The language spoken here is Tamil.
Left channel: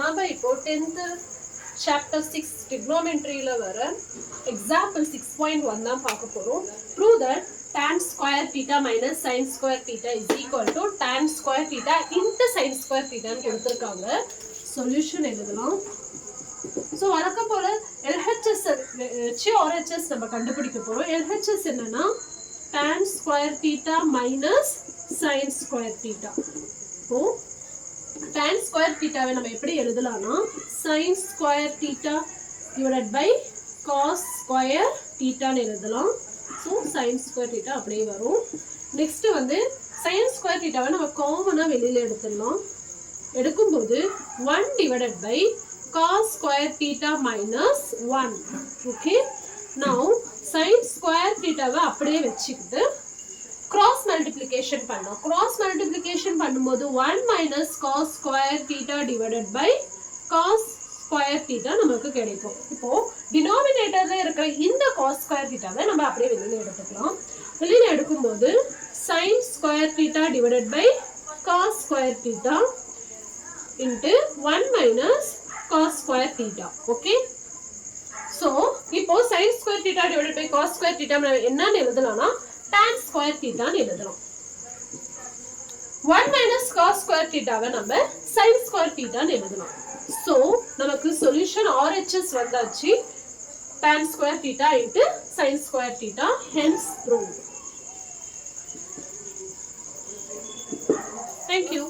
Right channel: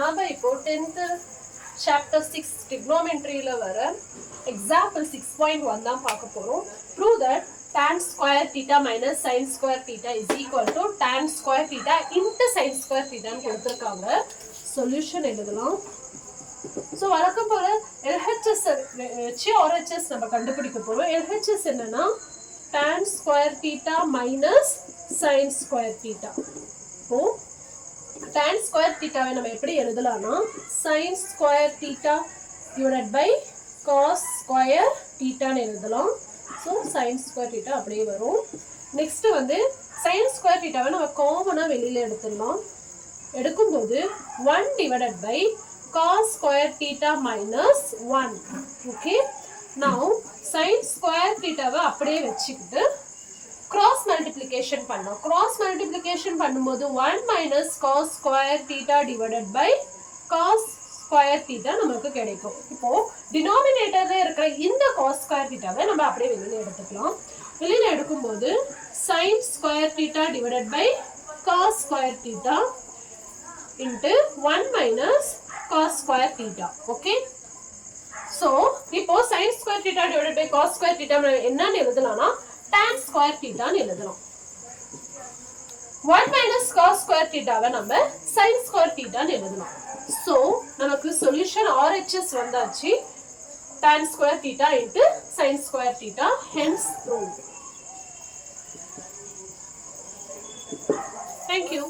நாம இப்போ 10th chapter 6 trigonometryல வர example 6.1 தான் பார்க்க போறோம். Prove that tan square theta minus sin square theta is equal to tan square theta into sin square theta ன்னு கொடுத்திருக்காங்க. சொல்யூஷன் எழுதலாம். சோ வழக்கம் போல LHS வச்சு RHS நம்ம கண்டுபிடிக்க போறோம். LHS என்னன்னா tan square theta minus sin square theta. இப்போ tan square theta வை நம்ம எப்படி எழுதலாம்னா sin square theta divided by cos square theta ன்னு எழுதலாம். ஸோ sin square theta அப்படியே வரும். நெக்ஸ்ட் வந்து sin square theta வை நம்ம காமனா வெளியில எடுத்துடலாம். எடுக்கும்போது 1 divided by cos square theta minus 1. Okay. Now sin square theta வை அப்படியே வச்சுக்கிட்டு cross multiplication பண்ணோம். cross multiplication பண்ணும்போது 1 minus cos square theta divided by cos square theta நமக்கு கிடைக்கும். இப்போ denominatorல இருக்கிற இந்த cos square theta வை நம்ம அப்படியே வெளியில எடுத்துக்கலாம். வெளியில எடுக்கும்போது sin square theta divided by cos square theta into 1 minus cos square theta. Okay. So இப்போ sin square theta divided by cos square theta என்னன்னு எழுதலாம்னா tan square theta ன்னு எழுதலாம். 1 minus cos square theta வை நம்ம sin square theta ன்னு எழுதலாம். So நமக்கு சொல்யூஷன் RHS வந்தாச்சு. tan square theta into sin square theta, hence proved. Thank you.